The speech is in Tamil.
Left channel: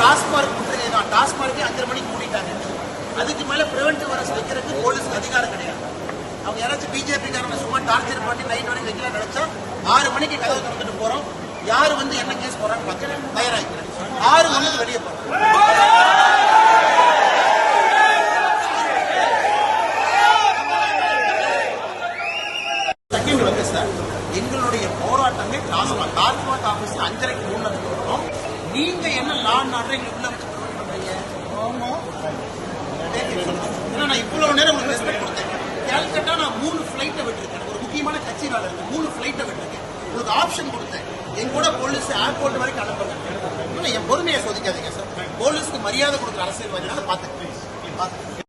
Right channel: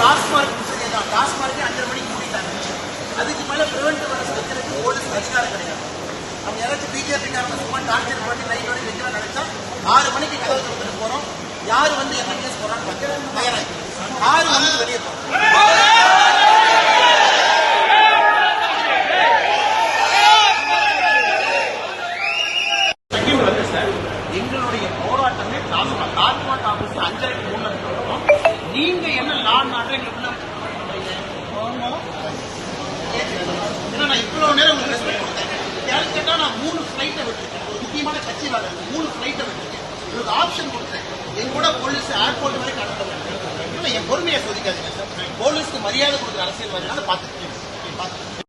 டாஸ்மார்க் பிரச்சனை தான். டாஸ்மார்க்கே 5:30 மணிக்கு மூடிட்டாங்க. அதுக்கு மேலே பிரிவென்டிவ் அரெஸ்ட் வைக்கிறதுக்கு போலீஸ் அதிகாரம் கிடையாது. அவங்க யாராச்சும் பிஜேபி சும்மா டார்ச்சர் பண்ணி நைட் வரைக்கும் வைக்கிற நடத்த 6 மணிக்கு கதை கொடுத்துட்டு போறோம். யாரு வந்து என்ன கேஸ் போறான்னு பார்க்க தயாராக 6 மணிக்கு வெளியே போறோம். எங்களுடைய போராட்டங்கள் டாஸ்மாக் ஆபீஸ் 5:30 மூணு வரும். நீங்க என்ன நான் எங்களுக்கு உள்ள வச்சு பண்றீங்க? ஏன்னா நான் இவ்வளவு நேரம் உங்களுக்கு ரெஸ்பெக்ட் கொடுத்தேன். கேல்கட்டா நான் 3 ஃபிளைட்டை விட்டுருக்கேன். ஒரு முக்கியமான கட்சி வேலை 3 ஃபிளைட்டை விட்டுருக்கேன். உங்களுக்கு ஆப்ஷன் கொடுத்தேன். என் கூட போலீஸ் ஏர்போர்ட் வரைக்கும் அனுப்புறேன். என் பொறுமையை சோதிக்காதீங்க சார். போலீஸ்க்கு மரியாதை கொடுக்குற அரசியல்வாதினால பார்த்துக்கோங்க.